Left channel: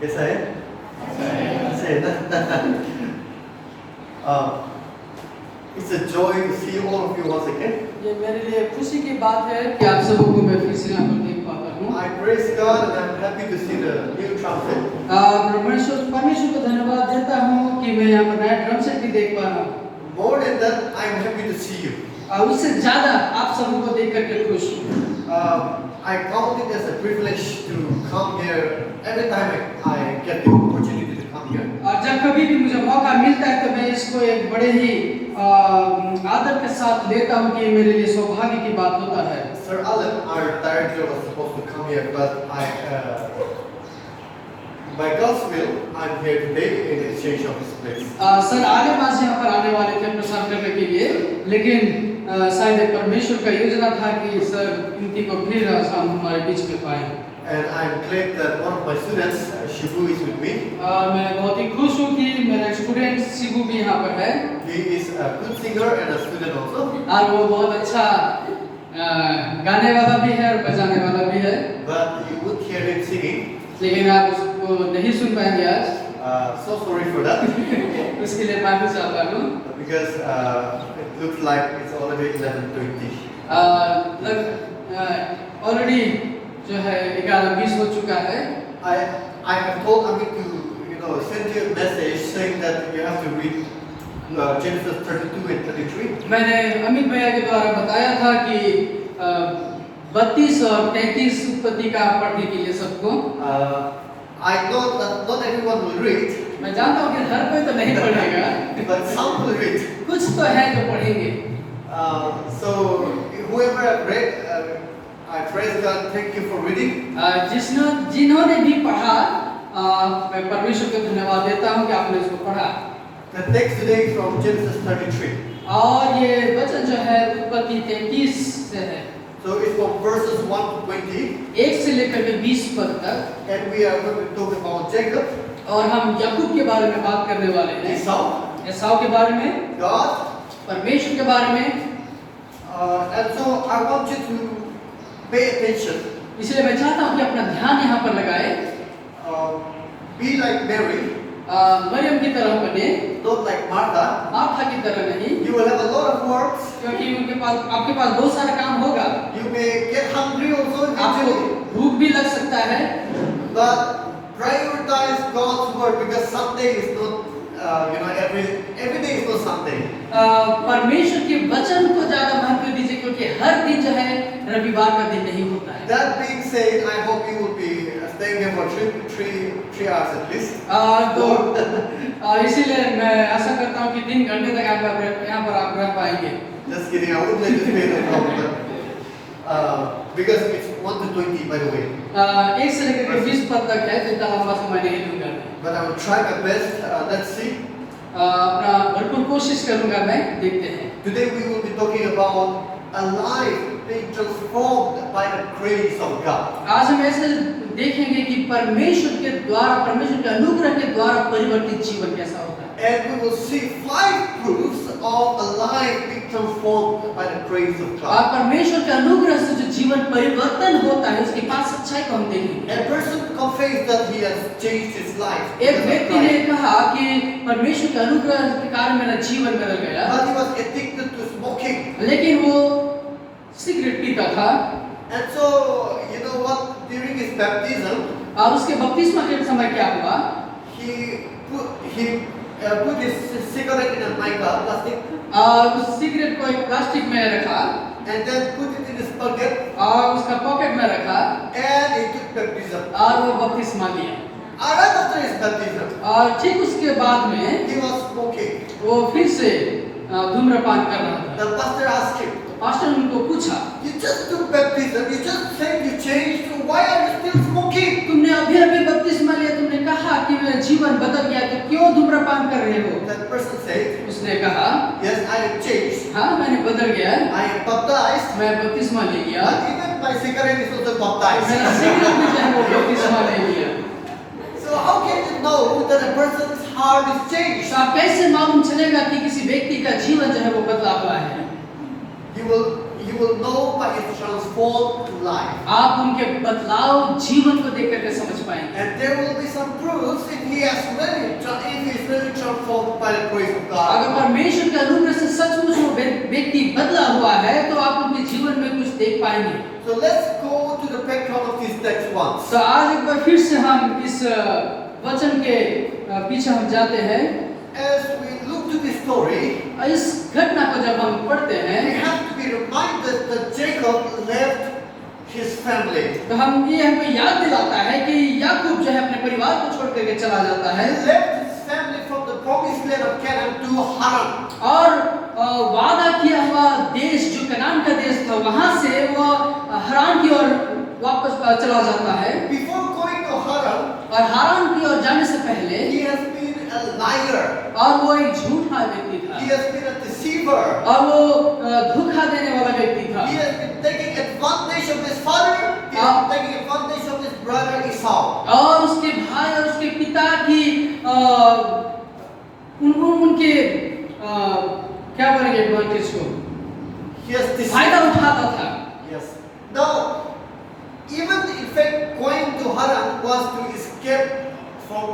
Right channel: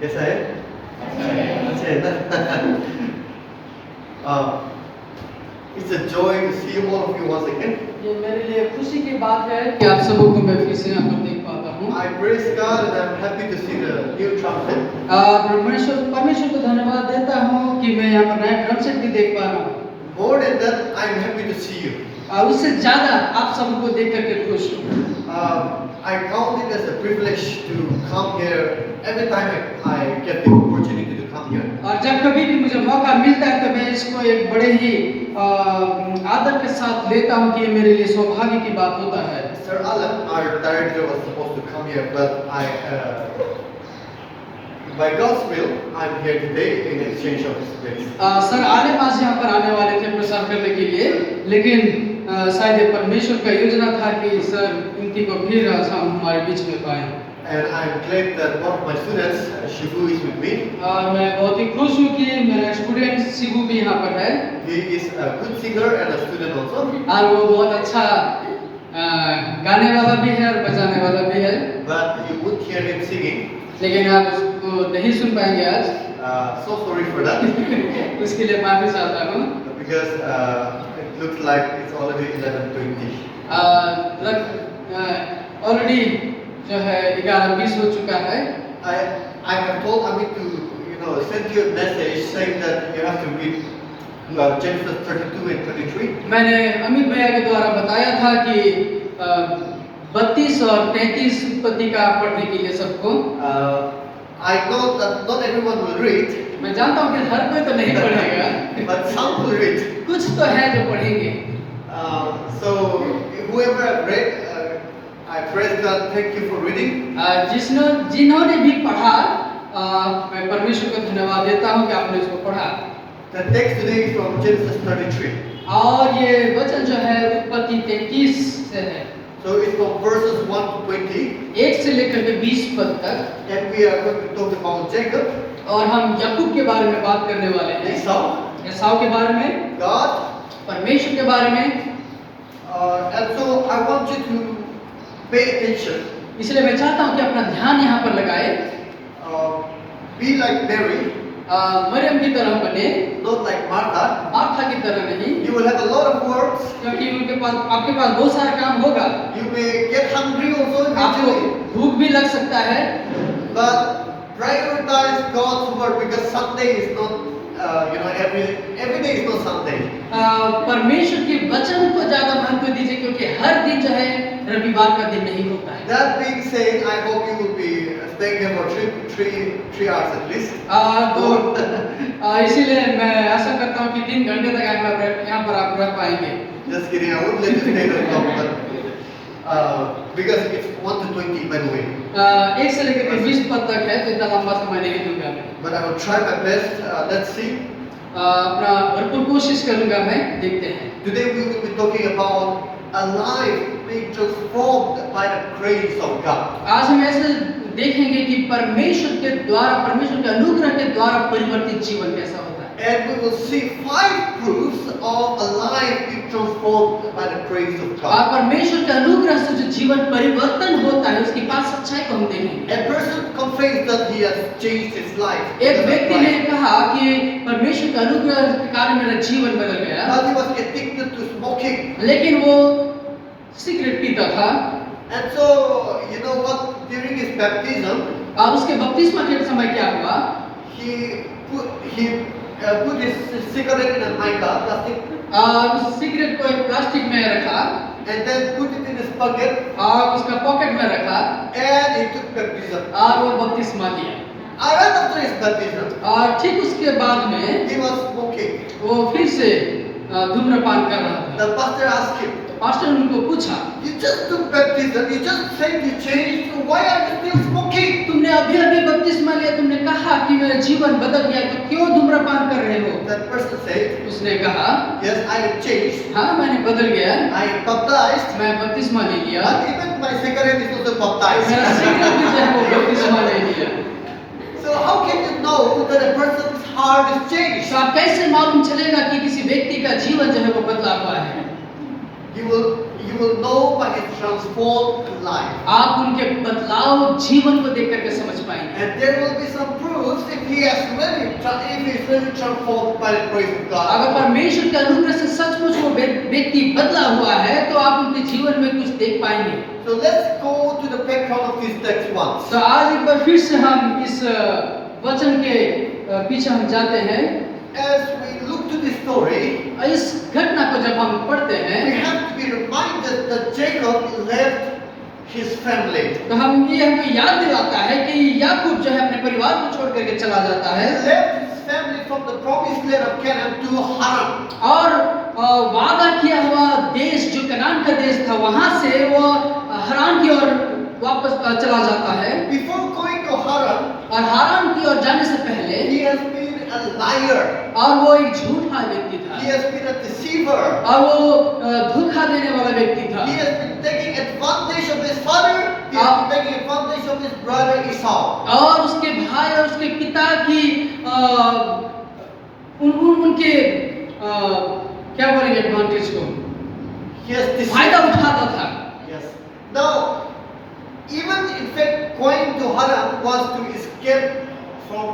कैसा है? अच्छा है ना? It's a joy to see all of you once again. ये मेरे लिए खुशी की बात है कि आप सबों को मैं फिर से यहाँ पर देख पाता हूँ। I praise God and I'm happy to see the new trumpet. परमेश्वर को धन्यवाद देता हूँ कि मैं यहाँ पर नया ड्रम सेट भी देख पा रहा हूँ। More than that, I'm happy to see you. उससे ज़्यादा आप सबों को देख करके खुश हूँ। I count it as a privilege to come here every time I get the opportunity to come here. और जब कभी भी मुझे मौका मिलता है तो मैं इसको एक बड़े ही आदर के साथ लेता हूँ कि मेरे लिए सौभाग्य की बात होता है। Sir Alan, our director, was supposed to come here, but by God's will, I'm here today in exchange of His place. Sir आले मास यहाँ पर आने वाले थे प्रसार करने के लिए, लेकिन शायद परमेश्वर का योजना था कि सर इनकी को फिर हम हमारे बीच में पाए। And I'm glad that one of my students, Shibu, is with me. मैं बहुत ही खुश हूँ कि मेरा स्टूडेंट शिबू भी यहाँ पर है। He is a good singer and a student also. और वो बहुत अच्छा गाने वाला भी है और बजाने वाला भी है। But you won't hear him singing. लेकिन आप उसको नहीं सुन पाएंगे आज। So sorry for that. उसके लिए माफी चाहता हूँ। Because it looks like it's already 11:20. Already जो है 11:20 हो चुका है। I have told Amit to send you a message saying that you have to read Genesis 32 and 33. मैंने अमित भैया के द्वारा बताया था कि 32 और 33 उत्पत्ति का पढ़ने के लिए सबको। I know that not everyone will read. मैं जानता हूँ कि हर कोई तो नहीं पढ़ेगा, but some will read. कुछ तो है जो पढ़ेंगे। So whoever read, I praise God. Thank you for reading. जिन्होंने भी पढ़ा, मैं परमेश्वर को धन्यवाद देता हूँ कि आपने इसको पढ़ा। The text today is from Genesis 33. और ये वचन जो है उत्पत्ति 33 से है। So it's from verses 1 to 20. 1 से लेकर के 20 पद तक। And we are going to talk about Jacob. और हम याकूब के बारे में बात करने वाले हैं। एसाव के बारे में, God, परमेश्वर के बारे में। And so I want you to pay attention. इसलिए मैं चाहता हूँ कि अपना ध्यान यहाँ पर लगाए। Be like Mary. मरियम की तरह बने, not like Martha. मार्था की तरह नहीं। You will have a lot of works. क्योंकि आपके पास बहुत सारा काम होगा। You may get hungry also. आपको भूख भी लग सकता है। But prioritize God's word because Sunday is not, every day is not Sunday. परमेश्वर के वचन को ज्यादा महत्व दीजिए क्योंकि हर दिन जो है रविवार का दिन नहीं होता है। That being said, I hope you will be staying here for three hours at least. इसीलिए मैं आशा करता हूँ कि 3 घंटे तक यहाँ पर आप रह पाएंगे। Just kidding, I wouldn't let you stay that long, but because it's 1 to 20 by the way. 1 से लेकर 20 पद तक है, तो इतना लंबा समय नहीं दूंगा। But I will try my best. Let's see. अपना भरपूर कोशिश करूंगा मैं, देखते हैं। Today we will be talking about a life being transformed by the grace of God. आज हम ऐसे देखेंगे कि परमेश्वर के अनुग्रह के द्वारा परिवर्तित जीवन कैसा होता है। And we will see 5 proofs of a life being transformed by the grace of God. और परमेश्वर के अनुग्रह से जो जीवन परिवर्तन होता है उसकी 5 सच्चाई को हम देखेंगे। A person confessed that he has changed his life. एक व्यक्ति ने कहा कि परमेश्वर के अनुग्रह के कारण मेरा जीवन बदल गया। But he was addicted to smoking. लेकिन वो सिगरेट पीता था। And so, you know what? During his baptism, और उसके बपतिस्मा के समय क्या हुआ? he put his cigarette in a mica plastic. उस सिगरेट को एक प्लास्टिक में रखा। And then put it in his pocket. और उसका पॉकेट में रखा। And he took baptism. और वो बपतिस्मा लिया। Right after his baptism, और ठीक उसके बाद में he was smoking. वो फिर से धूम्रपान कर रहा था। The pastor asked him, pastor ने उनको पूछा, "You just took baptism. You just said you changed. So why are you still smoking?" तुमने अभी बपतिस्मा लिया, तुमने कहा कि मेरा जीवन बदल गया, तो क्यों धूम्रपान कर रहे हो? That person said, उसने कहा, "Yes, I have changed. हाँ मैंने बदल गया, I am baptized. मैं बपतिस्मा ले लिया, But even my cigarette is also baptized." मेरा सिगरेट भी जो है वो बपतिस्मा ले लिया। So how can you know that a person's heart is changed? तो आप कैसे मालूम चलेगा कि किसी व्यक्ति का जीवन जो है वो बदला हुआ है? You will know by his transformed life. आप उनके बदलाव जीवन को देख करके समझ पाएंगे। And there will be some proof. transformed by the grace of God, अगर परमेश्वर के अनुग्रह से सचमुच वो व्यक्ति बदला हुआ है तो आप उनके जीवन में कुछ देख पाएंगे। so let's go to the background of this text once. तो आज एक बार फिर से हम इस वचन के पीछे हम जाते हैं। As we look to this story, इस घटना को जब हम पढ़ते we हैं have to be reminded that Jacob left his family. तो हमको याद दिलाता है कि याकूब जो है अपने परिवार को छोड़ करके चला जाता He है left his family from the promised land of Canaan to Haran. और वादा किया हुआ देश जो कनान का देश था वहां से वो हारान की ओर वापस चला जाता है। Before going to Haran, और हारान की ओर जाने से पहले he has been a liar. और वो एक झूठा व्यक्ति था He has been a deceiver. और वो धोखा देने वाला व्यक्ति था। He has been taking advantage of his father. He has been taking advantage of his brother Esau. और उसके भाई और उसके पिता की उनके क्या बोलेंगे एडवांटेज को He has deceived. फायदा उठाता था। Yes. Now, even in fact, going to Haran was to escape from,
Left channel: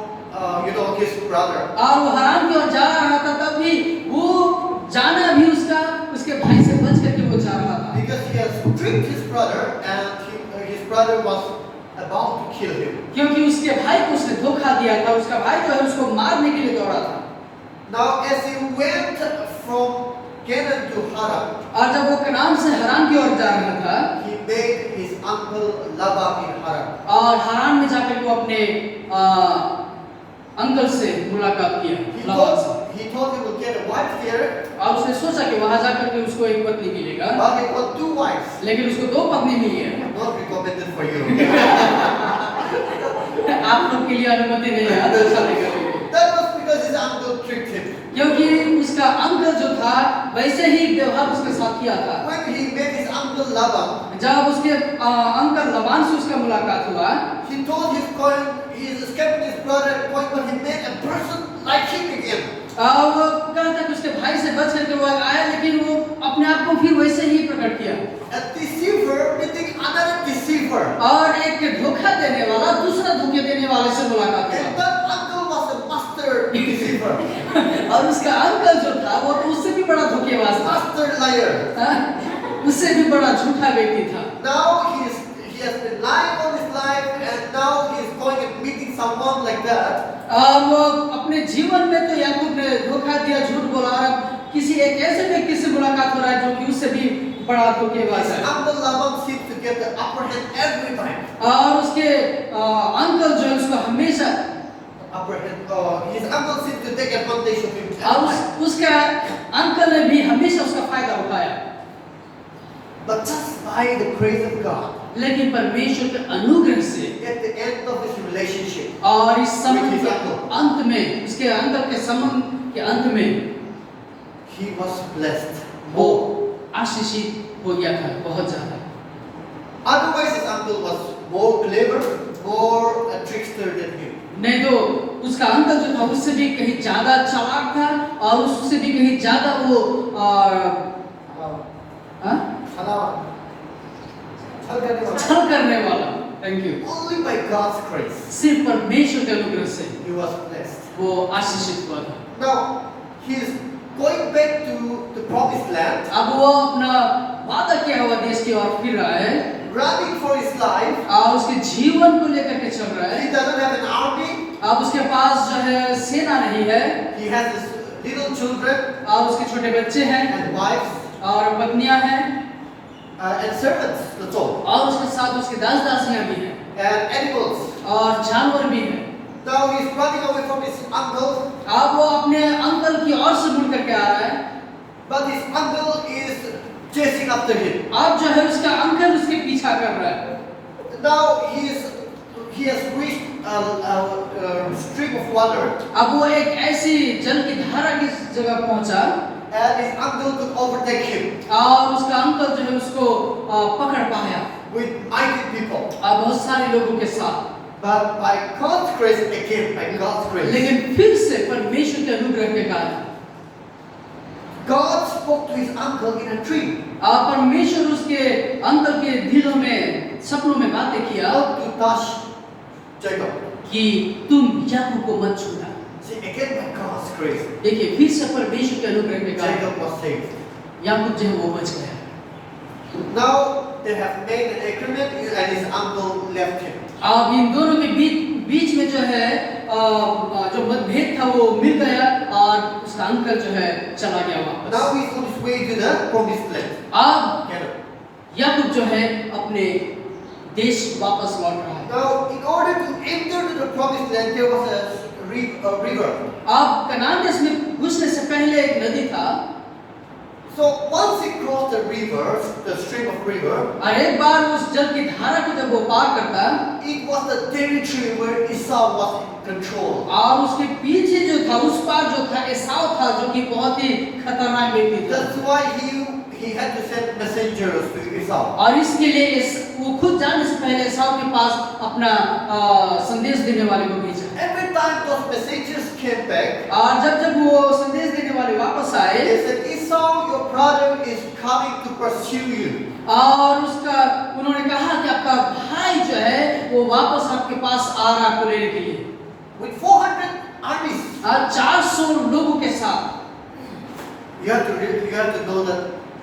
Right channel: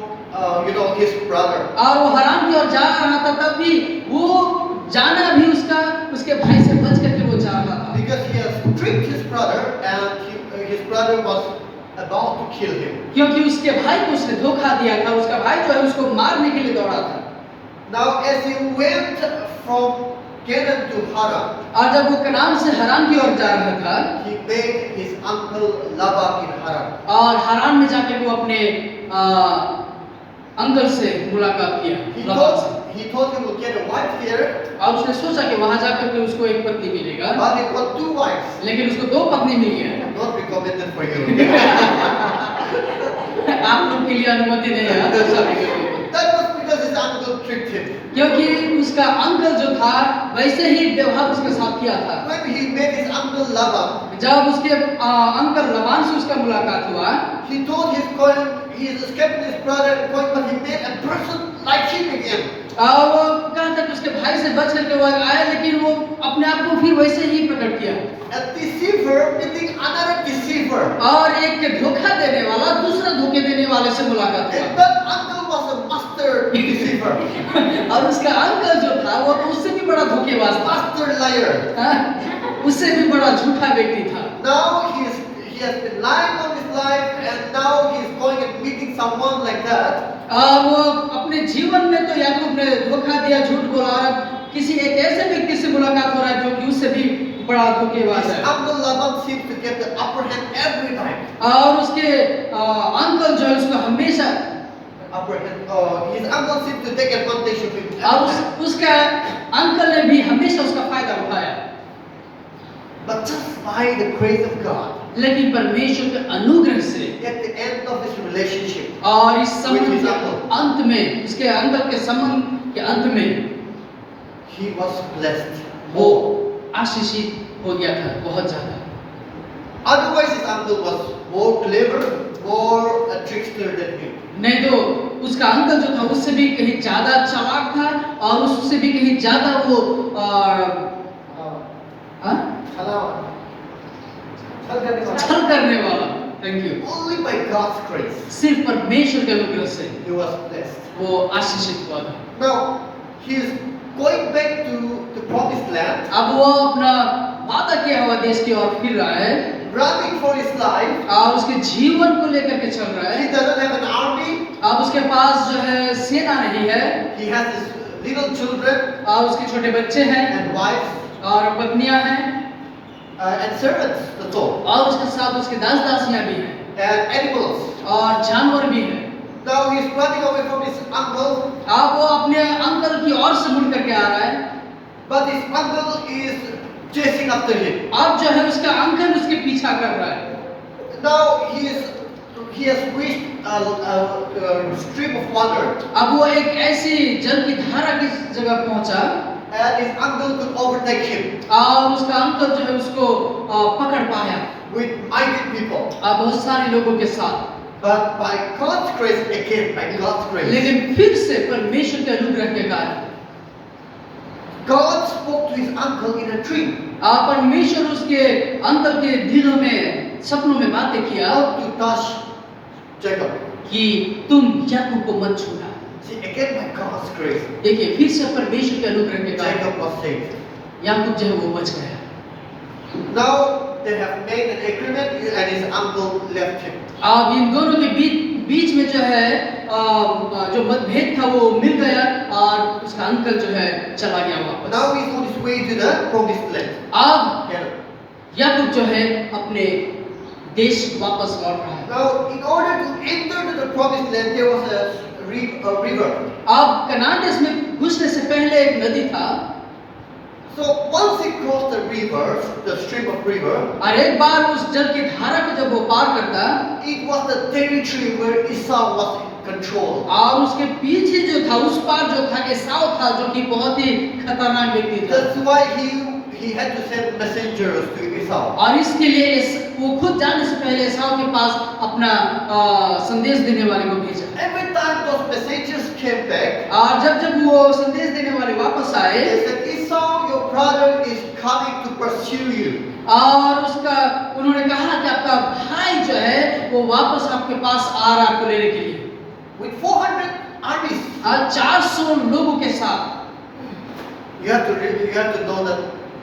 his brother. और वो हराम की ओर जा रहा था तब भी वो जाना भी उसके भाई से बच करके वो जा रहा था। Because he has tricked his brother, and his brother was about to kill him. क्योंकि उसके भाई को उसने धोखा दिया था। उसका भाई जो है उसको मारने के लिए दौड़ा था। Now, as he went from Canaan to Haran, और जब वो कनान से हरान की ओर जा रहा था he met his uncle Laban in Haran. और हरान में जाकर के वो अपने अंकल से मुलाकात किया। He thought he would get a wife there, और उसने सोचा कि वहां जाकर के उसको एक पत्नी मिलेगा, but he got 2 wives. लेकिन उसको 2 पत्नी मिल गया। Not recommended for you. आप लोग के लिए अनुमति नहीं है तो शादी करने की। That was because his uncle tricked him. क्योंकि उसका अंकल जो था वैसे ही व्यवहार उसके साथ किया था। When he met his uncle Laban, जब उसके अंकल लबान से उसका मुलाकात हुआ, he thought he is escaping his brother, but he met a person like him again. और वो कहा था कि उसके भाई से बच करके वो आया, लेकिन वो अपने आप को फिर वैसे ही प्रकट किया। A deceiver meeting another deceiver. और एक धोखा देने वाला दूसरा धोखे देने वाले से मुलाकात And हुआ। that uncle was a master deceiver, और उसका अंकल जो था वो तो उससे भी बड़ा धोखेबाज था, master liar. उससे भी बड़ा झूठा व्यक्ति था। Now he has been lying on his life, and now he is going and meeting someone like that. और वो अपने जीवन में तो याकूब ने धोखा दिया, झूठ बोला, और किसी एक ऐसे व्यक्ति से मुलाकात हो रहा है जो कि उससे भी बड़ा धोखेबाज His है। uncle Laban seems to get the upper hand every time. और उसके अंकल जो है उसको हमेशा Upper hand. His uncle seems to take advantage of him. और every time. उसका अंकल ने भी हमेशा उसका फायदा उठाया। But just by the grace of God, लेकिन परमेश्वर के अनुग्रह से at the end of this relationship, और इस संबंध With his के uncle. अंत में, इसके अंदर के संबंध के अंत में he was blessed वो more. आशीषित हो गया था बहुत ज्यादा। Otherwise, his uncle was more clever, more a trickster than him. नहीं तो उसका अंकल जो था उससे भी कहीं ज्यादा चालाक था और उससे भी कहीं ज्यादा वो छल करने वाला। Thank you. Only by God's grace, सिर्फ परमेश्वर के अनुग्रह से he was blessed. वो आशीषित हुआ था। Now, he is going back to the promised land, अब वो अपना वादा किया हुआ देश की ओर फिर रहा है running for his life. और उसके जीवन को लेकर के चल रहा He है। doesn't have an army. अब उसके पास जो है सेना नहीं है He has his little children और उसके छोटे बच्चे हैं and wives और पत्नियां हैं and servants, that's all, और उसके साथ उसके दास दासियां भी हैं and animals. और जानवर भी हैं। Now he's running away from his uncle, अब वो अपने अंकल की ओर से मुड़ करके आ रहा है, but his uncle is chasing after him. अब जो है उसका अंकल उसके पीछा कर रहा है। Now he has reached a stream of water, अब वो एक ऐसी जल की धारा की जगह पहुंचा and his uncle could overtake him और उसका अंकल जो है उसको पकड़ पाया with mighty people. बहुत सारे लोगों के साथ। But by God's grace, again, by God's grace, लेकिन फिर से परमेश्वर के अनुग्रह के कारण God spoke to his uncle in a dream. परमेश्वर उसके अंकल के दिलों में सपनों में बातें किया Not to touch Jacob. कि तुम याकूब को मत छूना। See, again by God's grace, देखिए फिर से परमेश्वर के अनुग्रह के कारण Jacob was saved. याकूब जो है वो बच गया। Now they have made an agreement and his uncle left him. अब इन दोनों के बीच में जो है जो मतभेद था वो मिल गया और उसका अंकल जो है चला गया वापस। Now he's on his way to the promised land. अब Canaan. याकूब जो है अपने देश वापस लौट रहा है। Now, in order to enter to the promised land, there was a river. अब कनान देश में घुसने से पहले एक नदी था। So once he crossed the river, the stream of river, और एक बार उस जल की धारा को जब वो पार करता, it was the territory where Esau was in control. और उसके पीछे जो था उस पार जो था एसाव था जो कि बहुत ही खतरनाक व्यक्ति था। That's why he had to send messengers to Esau. और इसके लिए वो खुद जाने से पहले एसाव के पास अपना संदेश देने वाले को भेजा। Every time those messengers came back, और जब वो संदेश देने वाले वापस आए, they said, Esau, your brother is coming to pursue you. और उन्होंने कहा कि आपका भाई जो है वो वापस आपके पास आ रहा आपको लेने के लिए With 400 armies. और 400 लोगों के साथ। You have to know that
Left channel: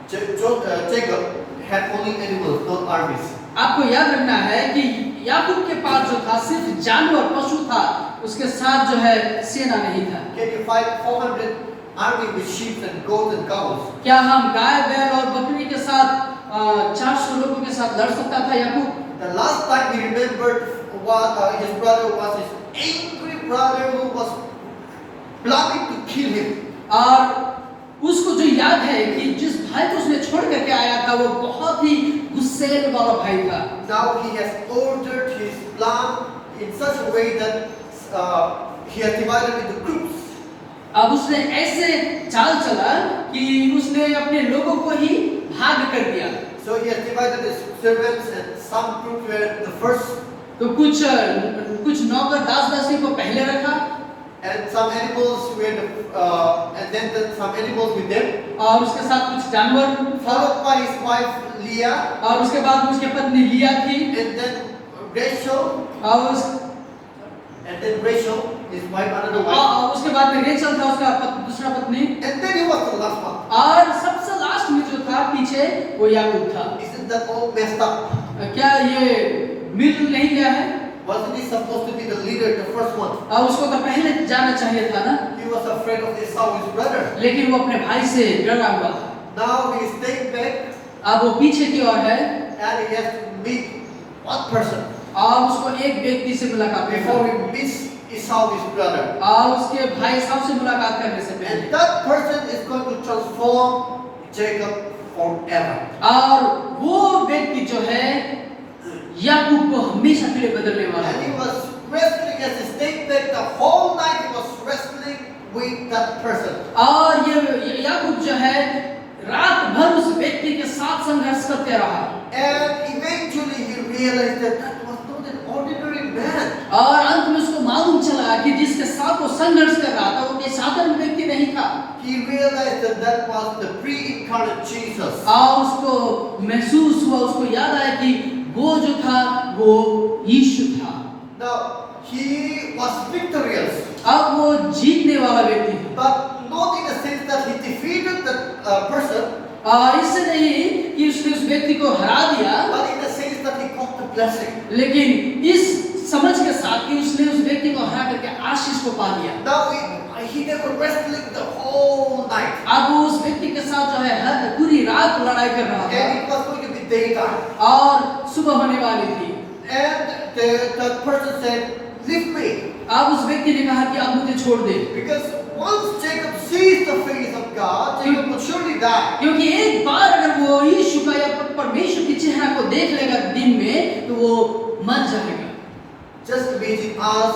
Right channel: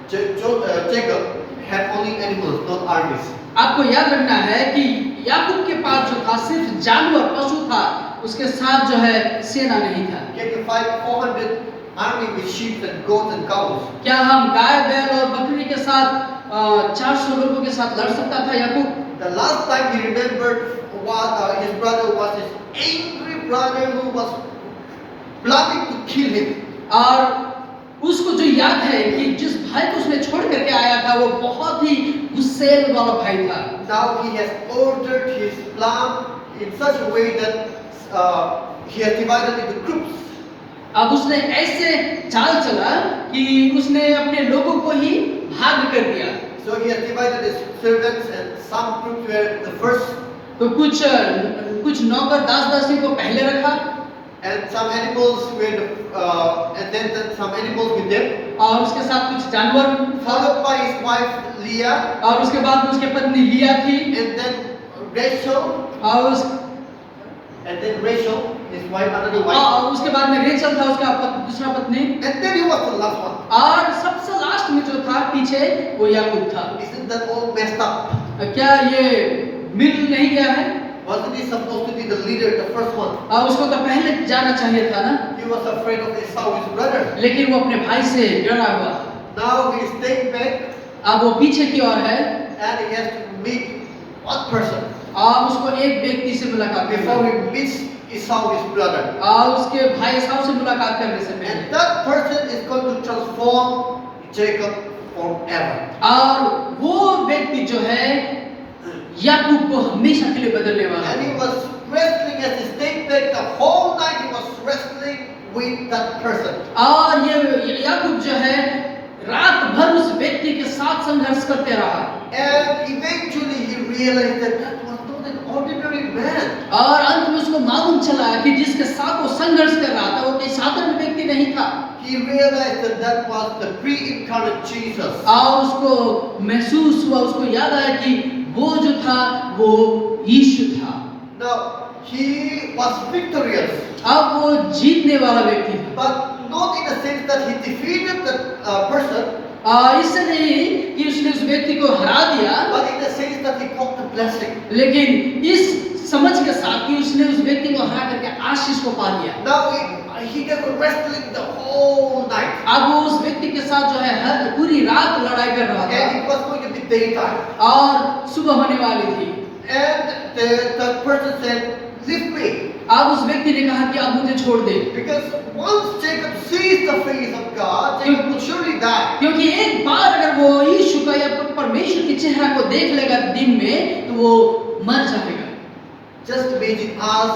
Jacob had only animals, not armies. आपको याद रखना है कि याकूब के पास जो था सिर्फ जानवर पशु था, उसके साथ जो है सेना नहीं था। Can you fight 400 army with sheep and goats and cows? क्या हम गाय बैल और बकरी के साथ 400 लोगों के साथ लड़ सकता था याकूब? The last time he remembered what his brother was his angry brother who was planning to kill him. और उसको जो याद है कि जिस भाई को उसने छोड़ करके आया था वो बहुत ही गुस्सैल वाला भाई था। Now he has ordered his plan in such a way that he has divided into groups. अब उसने ऐसे चाल चला कि उसने अपने लोगों को ही भाग कर दिया। So he has divided his servants and some groups were the first. तो कुछ नौकर दास दासी को पहले रखा And some animals were and then some animals with them. और उसके साथ कुछ जानवर, Followed by his wife Leah. और उसके बाद उसकी पत्नी लिया थी And then Rachel. And then Rachel, his wife, another wife. और उसके बाद में रेचल था उसका दूसरा पत्नी, And then he was the last one. और सबसे लास्ट में जो था पीछे वो याकूब था। Isn't that all messed up? क्या ये मिल नहीं गया है? Wasn't he supposed to be the leader, the first one? और उसको तो पहले जाना चाहिए था ना, He was afraid of Esau, his brother. लेकिन वो अपने भाई से डरा हुआ था। Now he is staying back अब वो पीछे की ओर है and he has to meet one person और उसको एक व्यक्ति से मुलाकात before करनी he meets Esau, his brother. और उसके भाई साहब से मुलाकात करने से And पहले, that person is going to transform Jacob forever. और वो व्यक्ति जो है याकूब को हमेशा के लिए बदलने वाला And he है। was wrestling as he stayed back the whole night. He was wrestling with that person. और ये याकूब जो है रात भर उस व्यक्ति के साथ संघर्ष करते रहा And eventually he realized that that was not an ordinary man. और अंत में उसको मालूम चला कि जिसके साथ वो संघर्ष कर रहा था वो कोई साधारण व्यक्ति नहीं था। He realized that that was the pre-incarnate Jesus. और उसको महसूस हुआ, उसको याद आया कि वो जो था वो यीशु था। Now he was victorious, अब वो जीतने वाला व्यक्ति था। but not in the sense that he defeated the person, इससे नहीं कि उसने उस व्यक्ति को हरा दिया, but in the sense that he got the blessing. लेकिन इस समझ के साथ कि उसने उस व्यक्ति को हरा करके आशीष को पा लिया। Now he was wrestling the whole night, अब वो उस व्यक्ति के साथ जो है हर पूरी रात लड़ाई कर रहा था and it was going to be daytime. और सुबह होने वाली थी। And the person said, "Leave me," अब उस व्यक्ति ने कहा कि अब मुझे छोड़ दे, because once Jacob sees the face of God, Jacob will surely die. क्योंकि एक बार अगर वो यीशु का या परमेश्वर के चेहरा को देख लेगा दिन में तो वो मर जाएगा। Just imagine us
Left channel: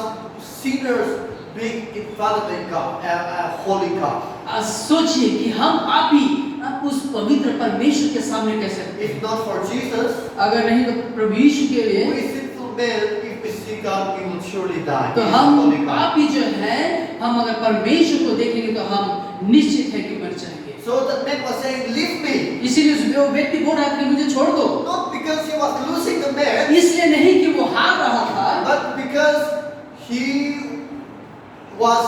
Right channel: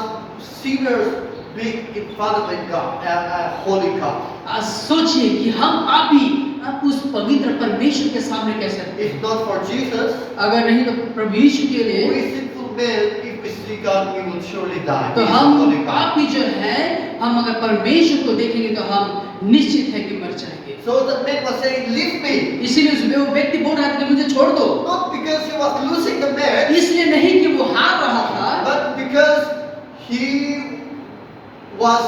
sinners being in front of a God, a holy God. आज सोचिए कि हम पापी अब उस पवित्र परमेश्वर के सामने कैसे रहते हैं। If not for Jesus, अगर नहीं तो प्रभु यीशु के लिए we sinful men, if we see God, we will surely die. तो He is हम holy God. पापी जो है हम अगर परमेश्वर को देखेंगे तो हम निश्चित है कि मर जाएंगे। So the man was saying, "Leave me," इसीलिए वो व्यक्ति बोल रहा था कि मुझे छोड़ दो, not because he was losing the match, इसलिए नहीं कि वो हार रहा था, but because he was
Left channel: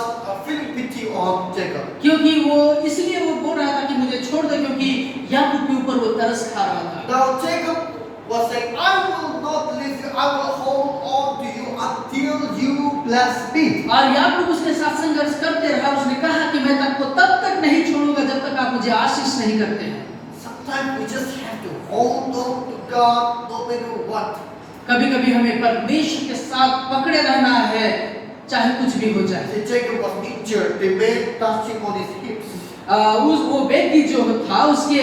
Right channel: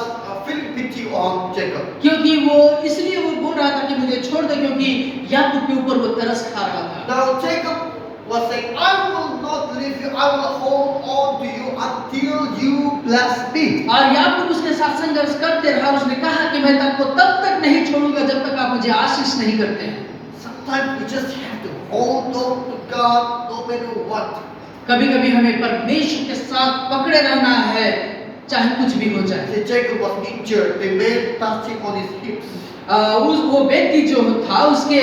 feeling pity on Jacob. क्योंकि वो इसलिए वो बोल रहा था कि मुझे छोड़ दो, क्योंकि याकूब के ऊपर वो तरस खा रहा था। Now Jacob was saying, I will not leave you, I will hold on to you until you bless me. और याकूब उसके साथ संघर्ष करते रहा, उसने कहा कि मैं आपको तब तक नहीं छोड़ूंगा जब तक आप मुझे आशीष नहीं करते हैं। Sometimes we just have to hold on to God no matter what. कभी-कभी हमें परमेश्वर के साथ पकड़े रहना है, चाहे कुछ भी हो जाए। See, Jacob was injured, the man touching on his hips. उस वो व्यक्ति जो था उसके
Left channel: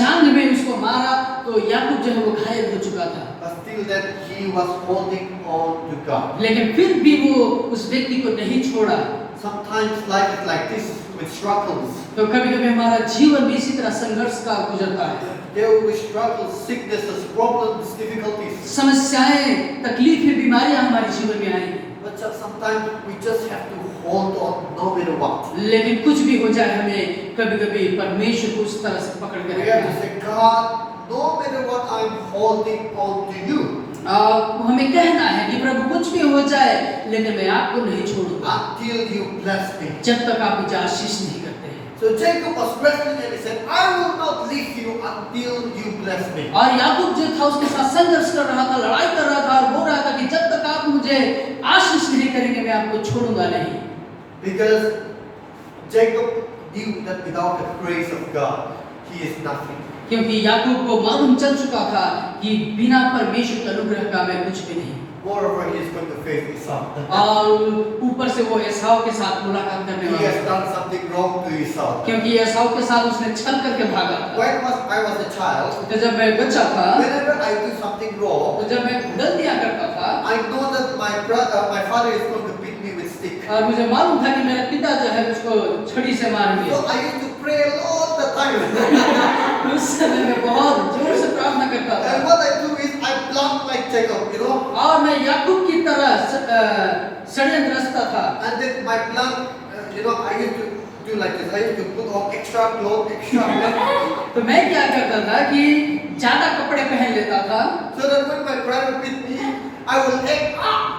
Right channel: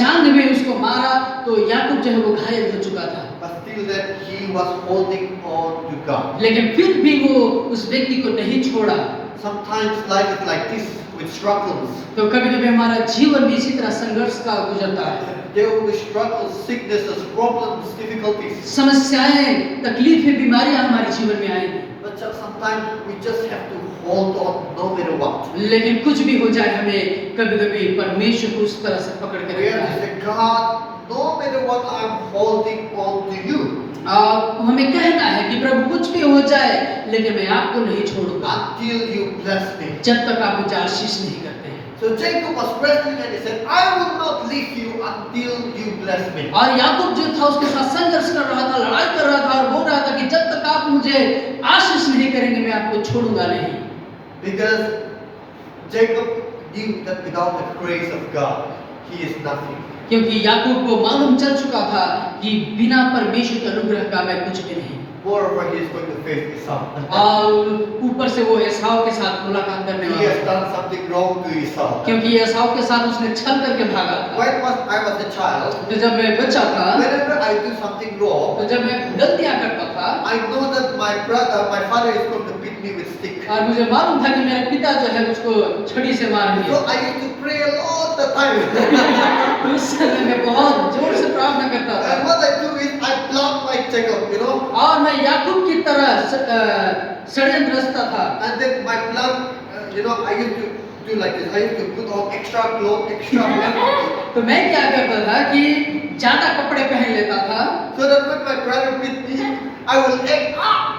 जांघ में उसको मारा, तो याकूब जो है वो घायल हो चुका था। But still that he was holding on to God. लेकिन फिर भी वो उस व्यक्ति को नहीं छोड़ा। Sometimes life is like this with struggles. तो कभी-कभी हमारा जीवन भी इसी तरह संघर्ष का गुजरता है। There will be struggles, sicknesses, problems, difficulties. समस्याएं, तकलीफें, बीमारियां हमारे जीवन में आएंगी। But sometimes we just have to hold on no matter what. लेकिन कुछ भी हो जाए, हमें कभी-कभी परमेश्वर को उस तरह से पकड़ के We have रखना to है। say, God, no matter what, I'm holding on to you हमें कहना है कि प्रभु कुछ भी हो जाए, लेकिन मैं आपको नहीं छोड़ूंगा until you bless me. जब तक आप मुझे आशीष नहीं करते हैं। So Jacob was wrestling and he said, I will not leave you until you bless me. और याकूब जो था उसके साथ संघर्ष कर रहा था, लड़ाई कर रहा था और बोल रहा था कि जब तक आप मुझे आशीष नहीं करेंगे मैं आपको छोड़ूंगा नहीं। Because Jacob knew that without the grace of God, he is nothing. क्योंकि याकूब को मालूम चल चुका था कि बिना परमेश्वर के अनुग्रह का मैं कुछ भी नहीं। Moreover, he is going to face Esau. और ऊपर से वो एसाव के साथ मुलाकात करने He वाला has था, done something wrong to Esau. क्योंकि एसाव के साथ उसने छल करके भागा था। When I was a child, तो जब मैं बच्चा था, whenever I do something wrong, तो जब मैं गलतियां करता था, I know that my father is going to beat me with stick. और मुझे मालूम था कि मेरा पिता जो है उसको छड़ी से मारेंगे। So I used to pray a lot the time. उस समय मैं बहुत जोर से प्रार्थना करता था। And what I do is I block my Jacob, you know. और मैं याकूब की तरह षड्यंत्र रचता था। And then my plan, I used to do like this. I used to put on extra clothes, extra blood. तो मैं क्या करता था कि ज्यादा कपड़े पहन लेता था, So that when my brother beat me, I will act,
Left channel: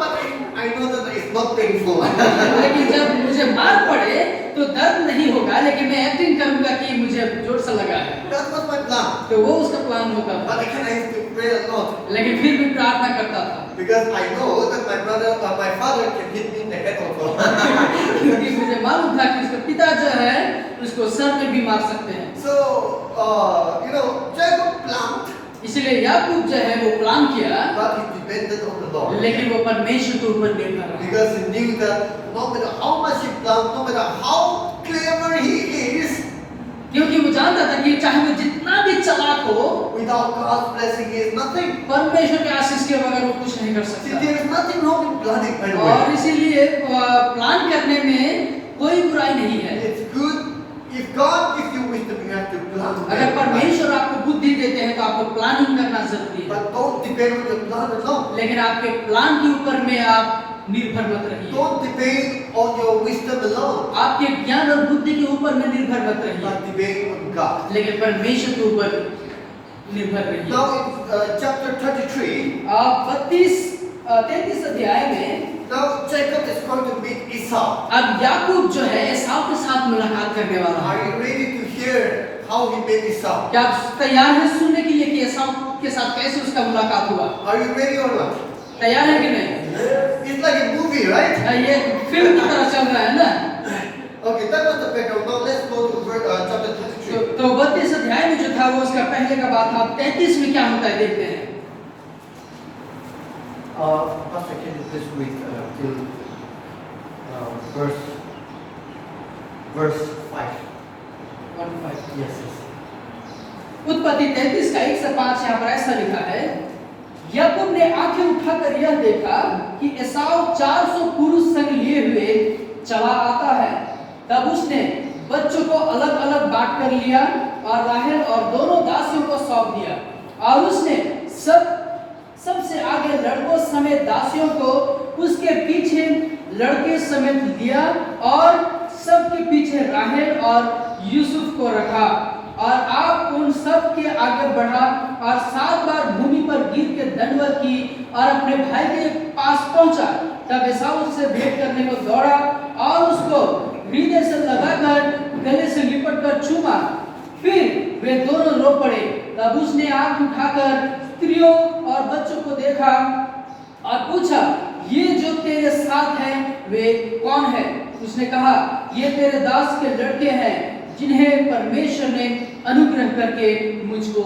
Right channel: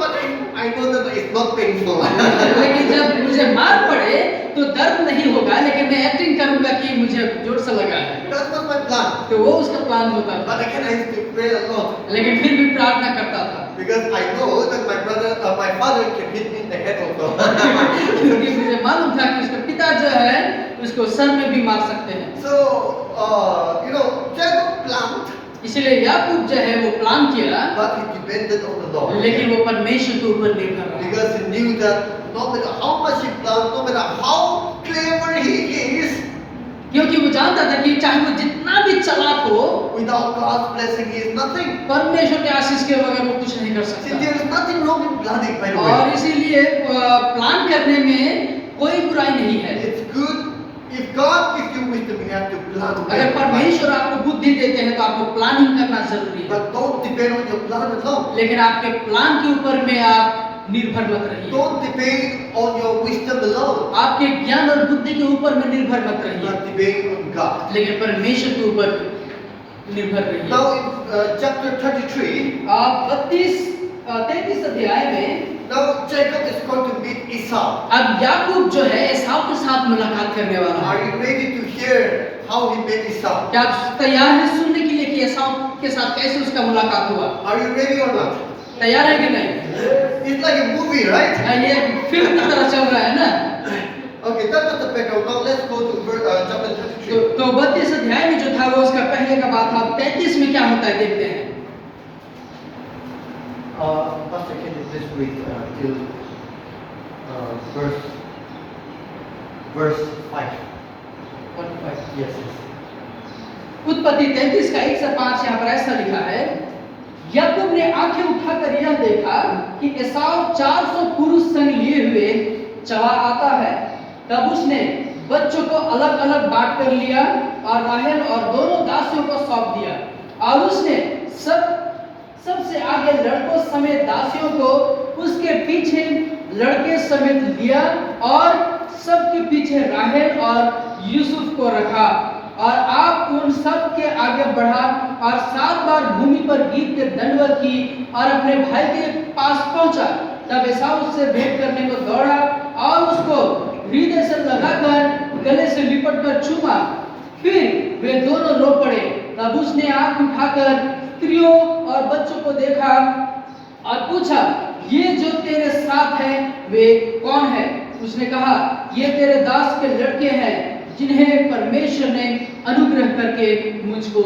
but I know that it's not painful. लेकिन जब मुझे मार पड़े तो दर्द नहीं होगा, लेकिन मैं एक्टिंग करूंगा कि मुझे जोर से लगा है। That was my plan. तो वो उसका प्लान होता था। But again, I used to pray a lot. लेकिन फिर भी प्रार्थना करता था, Because I know that my father can hit me in the head also. क्योंकि मुझे मालूम था कि उसका पिता जो है उसको सर में भी मार सकते हैं। So, Jacob planned, इसलिए याकूब जो है वो प्लान किया, but he depended on the Lord. लेकिन वो परमेश्वर के ऊपर निर्भर रहा। Because he knew that no matter how much he planned, no matter how clever he is, क्योंकि वो जानता था कि चाहे वो जितना भी चालाक हो, without God's blessing, he is nothing. परमेश्वर के आशीष के बगैर वो कुछ नहीं कर See, सकता। there is nothing wrong in planning, by the और way. इसीलिए प्लान करने में कोई बुराई नहीं है। It's good if God gives you wisdom, you have to plan. अगर परमेश्वर आपको बुद्धि देते हैं तो आपको प्लानिंग करना जरूरी है, But don't depend on your plan alone. लेकिन आपके प्लान के ऊपर में आप निर्भर मत रहिए। Don't depend on your wisdom alone. आपके ज्ञान और बुद्धि के ऊपर में निर्भर मत रहिए, But depend on God. लेकिन परमेश्वर के ऊपर निर्भर रहिए। Now in chapter 33, आप 33 अध्याय में now Jacob is going to meet Esau. अब याकूब जो है एसाव के साथ मुलाकात करने वाला Are है। you ready to hear how he met Esau? क्या आप तैयार हैं सुनने के लिए कि एसाव के साथ कैसे उसका मुलाकात हुआ? Are you ready or not? तैयार है कि नहीं? It's like a movie, right? ये फिल्म की तरह चल रहा है ना? Okay, that was the background. Now let's go to chapter 33. तो 32 अध्याय में जो था वो उसका पहले का बात था। 33 में क्या होता है देखते हैं। Pastor, can you please read till verse 5? Yes, yes. उत्पत्ति 33 का 1 से 5 यहाँ पर ऐसा लिखा है, याकूब ने आंखें उठाकर यह देखा कि एसाव 400 पुरुष संग लिए हुए चला आता है। तब उसने बच्चों को अलग अलग बांट कर लिया और राहेल और दोनों दासियों को सौंप दिया, और उसने सबसे आगे लड़कों समेत दासियों को उसके पीछे लड़के समेत लिया और सबके पीछे राहेल और यूसुफ को रखा, और आप उन सब के आगे बढ़ा और 7 बार भूमि पर गिर के दंडवत की और अपने भाई के पास पहुंचा। तब एसाव उससे भेंट करने को दौड़ा और उसको हृदय से लगाकर गले से लिपटकर चूमा। फिर वे दोनों रो पड़े। तब उसने आंख उठाकर स्त्रियों और बच्चों को देखा और पूछा, ये जो तेरे साथ हैं वे कौन है? उसने कहा, ये तेरे दास के लड़के हैं जिन्हें परमेश्वर ने अनुग्रह करके मुझको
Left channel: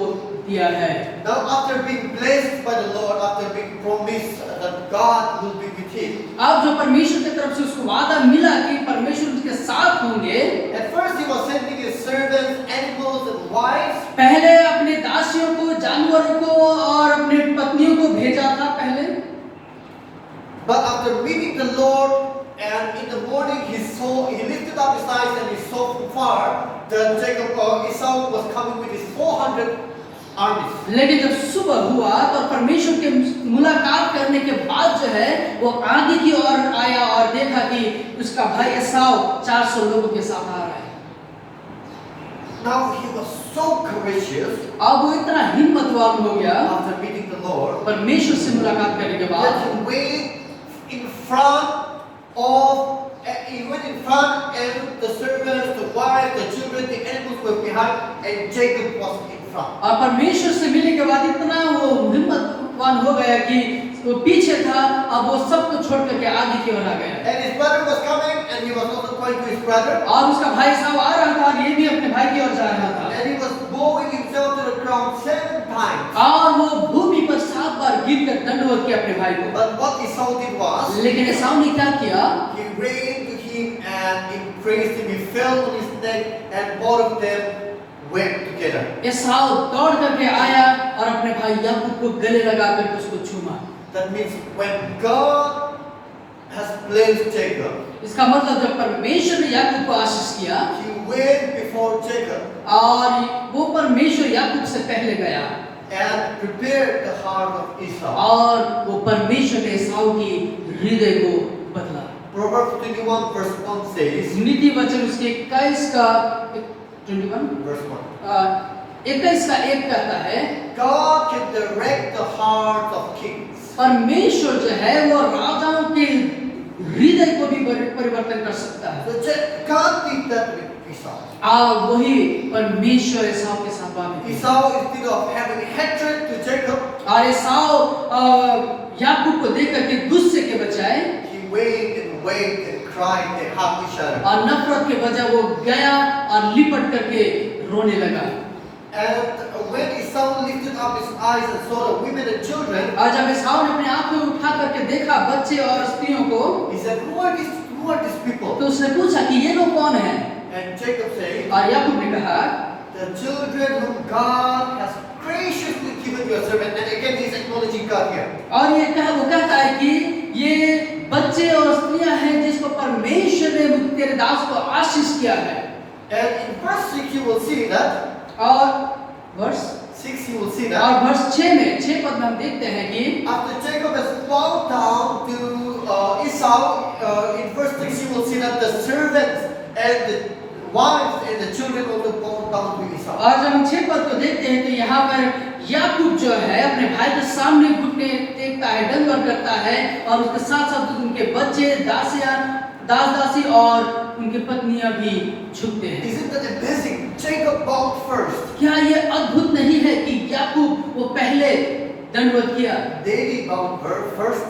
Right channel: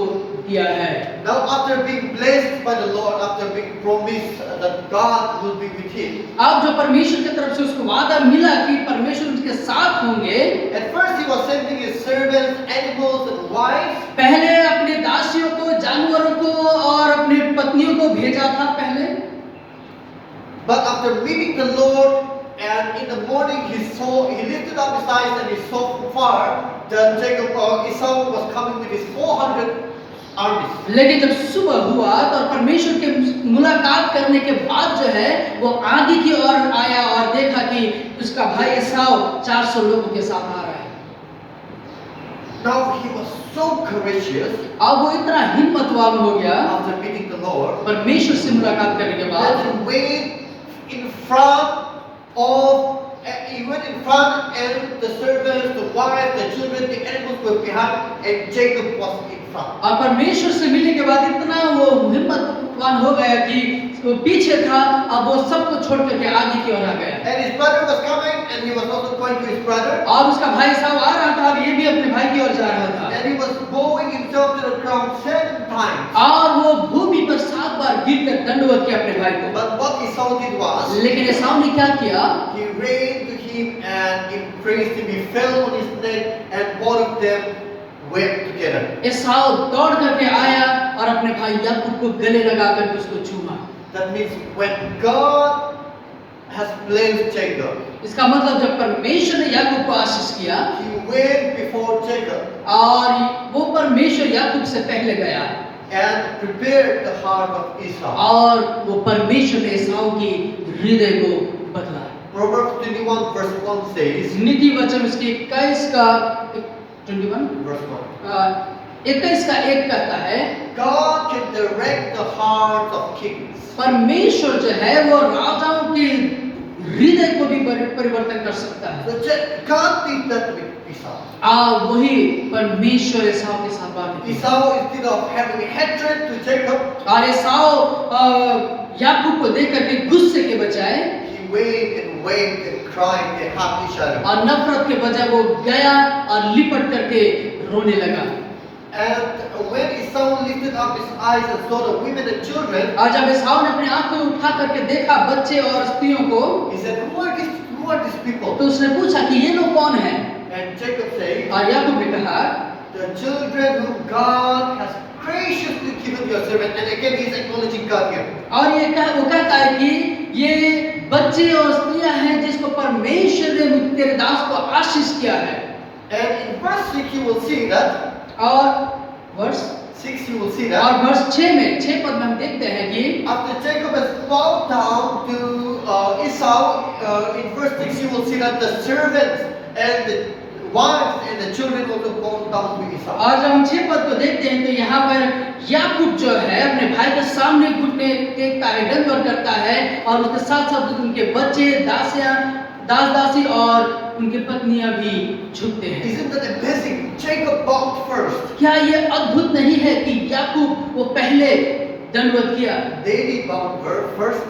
दिया है। Now after being blessed by the Lord, after being promised that God will be with him, अब जो परमेश्वर की तरफ से उसको वादा मिला कि परमेश्वर उसके साथ होंगे, at first he was sending his servants, animals and wives, पहले अपने दासियों को, जानवरों को और अपनी पत्नियों को भेजा था पहले। but after meeting the Lord and in the morning he lifted up his eyes and he saw from far that Esau was coming with his 400 armies. लेकिन जब सुबह हुआ तो परमेश्वर के मुलाकात करने के बाद जो है वो आगे की ओर आया और देखा कि उसका भाई एसाव 400 लोगों के साथ आ रहा है। Now he was so courageous अब वो इतना हिम्मतवान हो गया after meeting the Lord परमेश्वर से मुलाकात करने के बाद that he went in front of he went in front and the servants, the wives, the children, the animals were behind and Jacob was in front. और परमेश्वर से मिलने के बाद इतना वो हिम्मतवान हो गया कि वो पीछे था, अब वो सबको छोड़ करके आगे की ओर आ गया। And his brother was coming and he was also going to his brother. और उसका भाई साहब आ रहा था और ये भी अपने भाई की ओर जा रहा था। And he was bowing himself to the ground 7 times. और वो भूमि पर 7 बार गिरकर दंडवत किया अपने भाई को। But what Esau did was, लेकिन एसाव ने क्या किया? he ran to him and embraced him. He fell on his neck and both of them wept together. एसाव दौड़ करके आया और अपने भाई याकूब को गले लगाकर उसको चूमा। That means when God has blessed Jacob, इसका मतलब जब परमेश्वर ने याकूब को आशीष किया he went before Jacob और वो परमेश्वर याकूब से पहले गया and prepared the heart of Esau. और वो परमेश्वर ने एसाव की हृदय को बदला। Proverbs 21 verse 1 says, नीति वचन उसके 21 का 21 verse 1, 21 का 1 कहता है, God can direct the hearts of kings. परमेश्वर जो है वो राजाओं के हृदय को भी परिवर्तन कर सकता है। So God did that with Esau. वही परमेश्वर एसाव के साथ बात की। Esau, instead of having hatred to Jacob, और एसाव याकूब को देख करके गुस्से के बजाय he waved and cried and hugged each other. और नफरत के बजाय वो गया और लिपट करके रोने लगा। And when Esau lifted up his eyes and saw the women and children, और जब एसाव ने अपनी आंखें उठा करके देखा बच्चे और स्त्रियों को, he said, Who are these people? तो उसने पूछा कि ये लोग कौन हैं? And Jacob said, और याकूब ने कहा, the children whom God has graciously given your servant. And again, he's acknowledging God here. और वो कहता है कि ये बच्चे और स्त्रियां हैं जिसको परमेश्वर ने तेरे दास को आशीष किया है। And in verse 6, you will see that. और वर्ष 6, you will see that. और वर्ष 6 पद में हम देखते हैं कि After Jacob has bowed down to Esau, in verse 6, you will see that the servants and the wives and the children also bowed down to Esau. और जब हम 6 पद को देखते हैं तो यहाँ पर याकूब जो है अपने भाई के सामने घुटने टेकता है, दंडवत करता है और उसके साथ साथ उनके बच्चे, दासी और उनकी पत्नियां भी झुकते हैं। Isn't that amazing? Jacob bowed first. क्या ये अद्भुत नहीं है कि याकूब वो पहले दंडवत किया? David bowed first.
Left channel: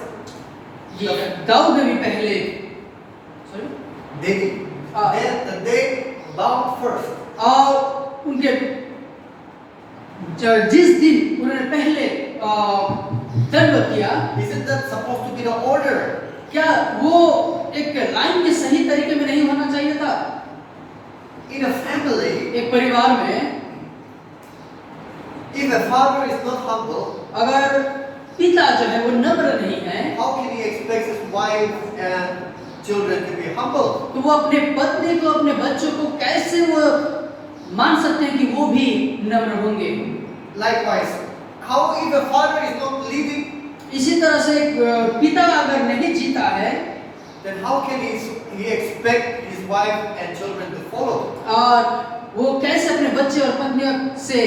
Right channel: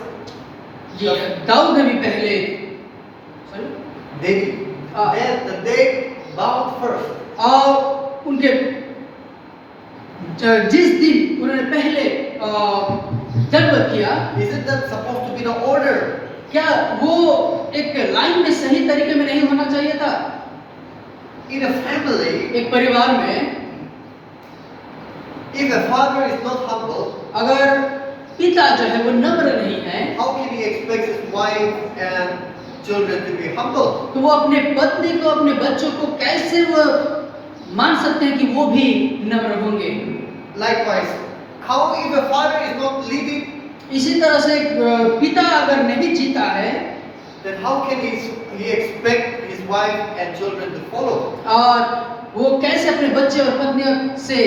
ये दाऊद ने भी पहले David. Then David bowed first. और उनके जिस दिन उन्होंने पहले दंडवत किया, Isn't that supposed to be the order? क्या वो एक लाइन में सही तरीके में नहीं होना चाहिए था? In a family, एक परिवार में if a father is not humble, अगर पिता जो है वो नम्र नहीं है, how can he expect his wife and children to be humble? तो वो अपने पत्नी को, अपने बच्चों को कैसे वो मान सकते हैं कि वो भी नम्र होंगे? Likewise, how if a father is not leading, इसी तरह से पिता अगर नहीं जीता है, then how can he expect his wife and children to follow? और वो कैसे अपने बच्चे और पत्नियों से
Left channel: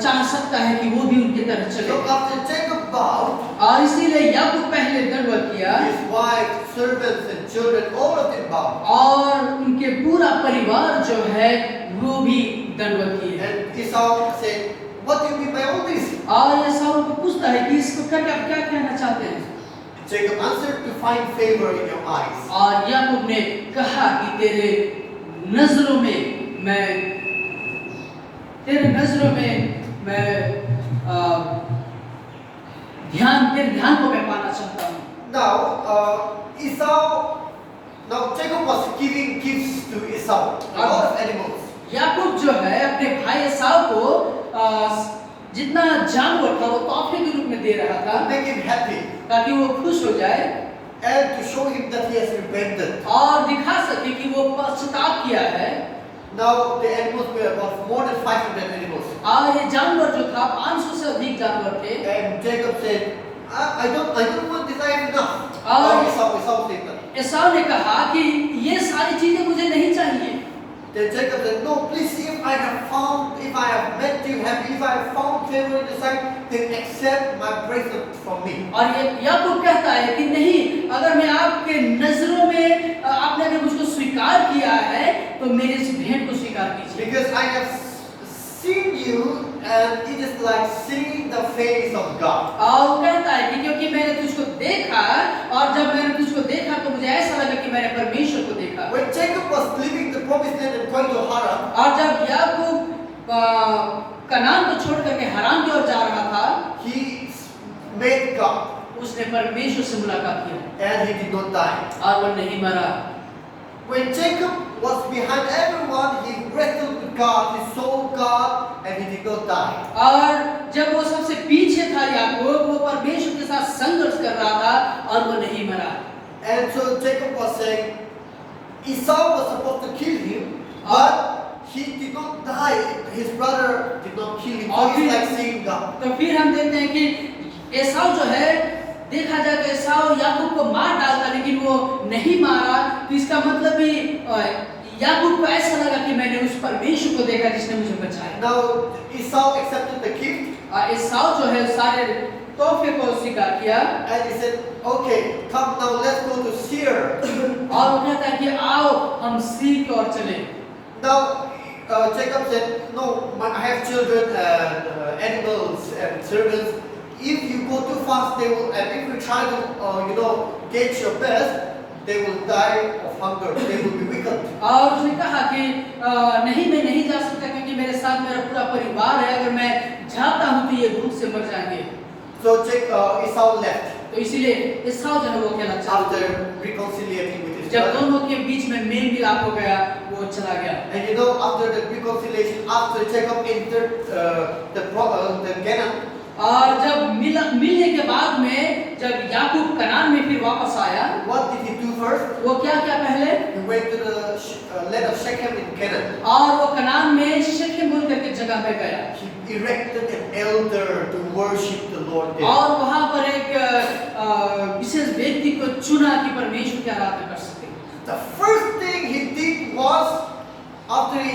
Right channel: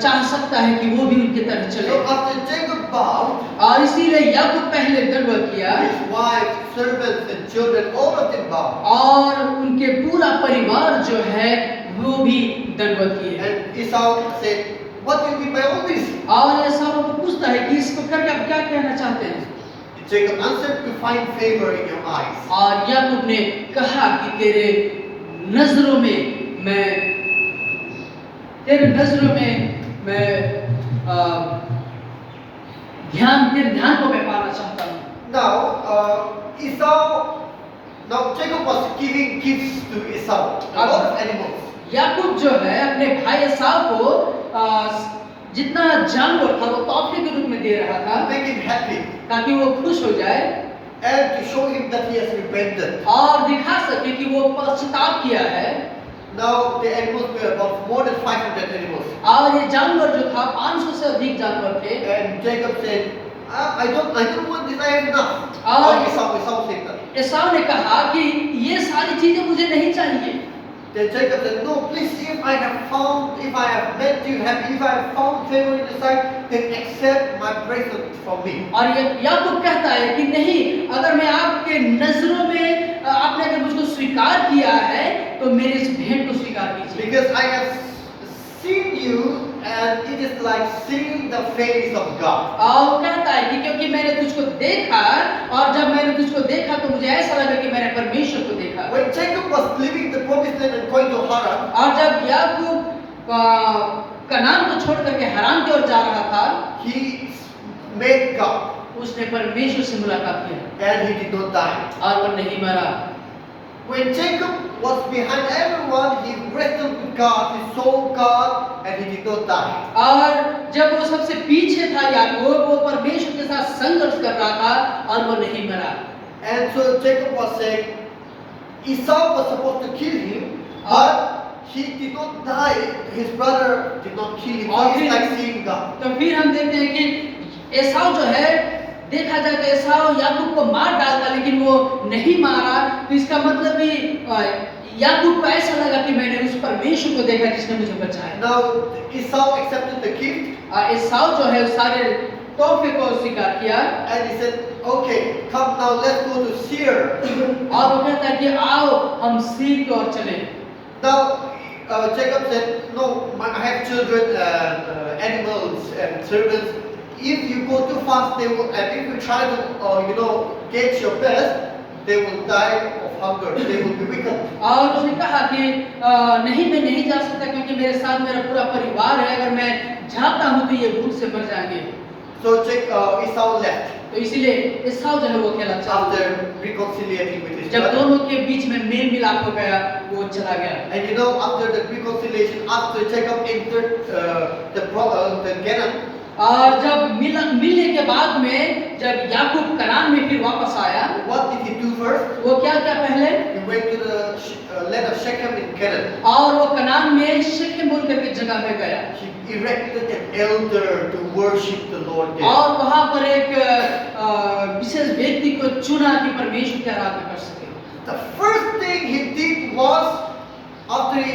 चाह सकता है कि वो भी उनकी तरह चले। So after Jacob bowed, और इसीलिए याकूब पहले दंडवत किया his wife, servants, and children, all of them bowed. और उनके पूरा परिवार जो है वो भी दंडवत किए। And Esau said, "What do you mean by all this?" और एसाव को पूछता है कि इसको करके आप क्या कहना चाहते हैं? Jacob answered, "To find favor in your eyes." और याकूब ने कहा कि तेरे नजरों में मैं तेरे ध्यान को मैं पाना चाहता हूँ। Now Jacob was giving gifts to Esau, a lot of animals. याकूब जो है अपने भाई एसाव को जितना जानवर था वो तोहफे के रूप में दे रहा To था make him happy ताकि वो खुश हो जाए and to show him that he has repented. और दिखा सके कि वो पश्चाताप किया है। Now the animals were about more than 500 animals. और ये जानवर जो था 500 से अधिक जानवर थे। And Jacob said, I don't want this, I have enough. और Esau said that. एसाव ने कहा कि ये सारी चीजें मुझे नहीं चाहिए। Then Jacob said, "No, please, if I have made you happy, if I have found favor in your sight, then accept my present from me." और ये याकूब कहता है कि नहीं, अगर मैं आपके नजरों में आपने अगर मुझको स्वीकार किया है तो मेरे इस भेंट को स्वीकार कीजिए। Because I have seen you, and it is like seeing the face of God. और कहता है कि क्योंकि मैंने तुझको देखा और जब मैंने तुझको देखा तो मुझे ऐसा लगा कि मैंने परमेश्वर को देखा। When Jacob was leaving the promised land and going to Haran, और जब याकूब कनान को छोड़ करके हरान की ओर जा रहा था, he met God, उसने परमेश्वर से मुलाकात किया and he did not die. और वो नहीं मरा। When Jacob was behind everyone, he wrestled with God, he saw God, and he did not die. और जब वो सबसे पीछे था याकूब, वो परमेश्वर के साथ संघर्ष कर रहा था और वो नहीं मरा। And so Jacob was saying, Esau was supposed to kill him, but he did not die. His brother did not kill him. So it's like seeing God. तो फिर हम देखते हैं कि एसाव जो है, देखा जाए तो एसाव याकूब को मार डालता लेकिन वो नहीं मारा। तो इसका मतलब भी याकूब को ऐसा लगा कि मैंने उस परमेश्वर को देखा जिसने मुझे बचाया। Now Esau accepted the gift, एसाव जो है सारे तोहफे को स्वीकार किया and he said, "Okay, come now, let's go to Seir." और वो कहता है कि आओ हम सीर की ओर चले। Now Jacob said, "No, I have children and animals and servants. If you go too fast, they will, and if you try to, get your best, they will die of hunger. They will be weakened." और उसने कहा कि नहीं, मैं नहीं जा सकता क्योंकि मेरे साथ मेरा पूरा परिवार है। अगर मैं जाता हूँ तो ये भूख से मर जाएंगे। So Esau left तो इसीलिए एसाव जो है वो खेला चालू after किया। reconciliating with his जब brother. दोनों के बीच में मेल मिलाप हो गया, वो चला गया। And after the reconciliation, after Jacob entered the Canaan, और जब मिलने के बाद में जब याकूब कनान में फिर वापस आया, what did he do first? वो क्या पहले? He went to the land of Shechem in Canaan. और वो कनान में शेकेम बोल करके जगह में गया He erected an altar to worship the Lord there. और वहां पर एक विशेष व्यक्ति को चुना कि परमेश्वर की आराधना कर सके। The first thing he did was, after he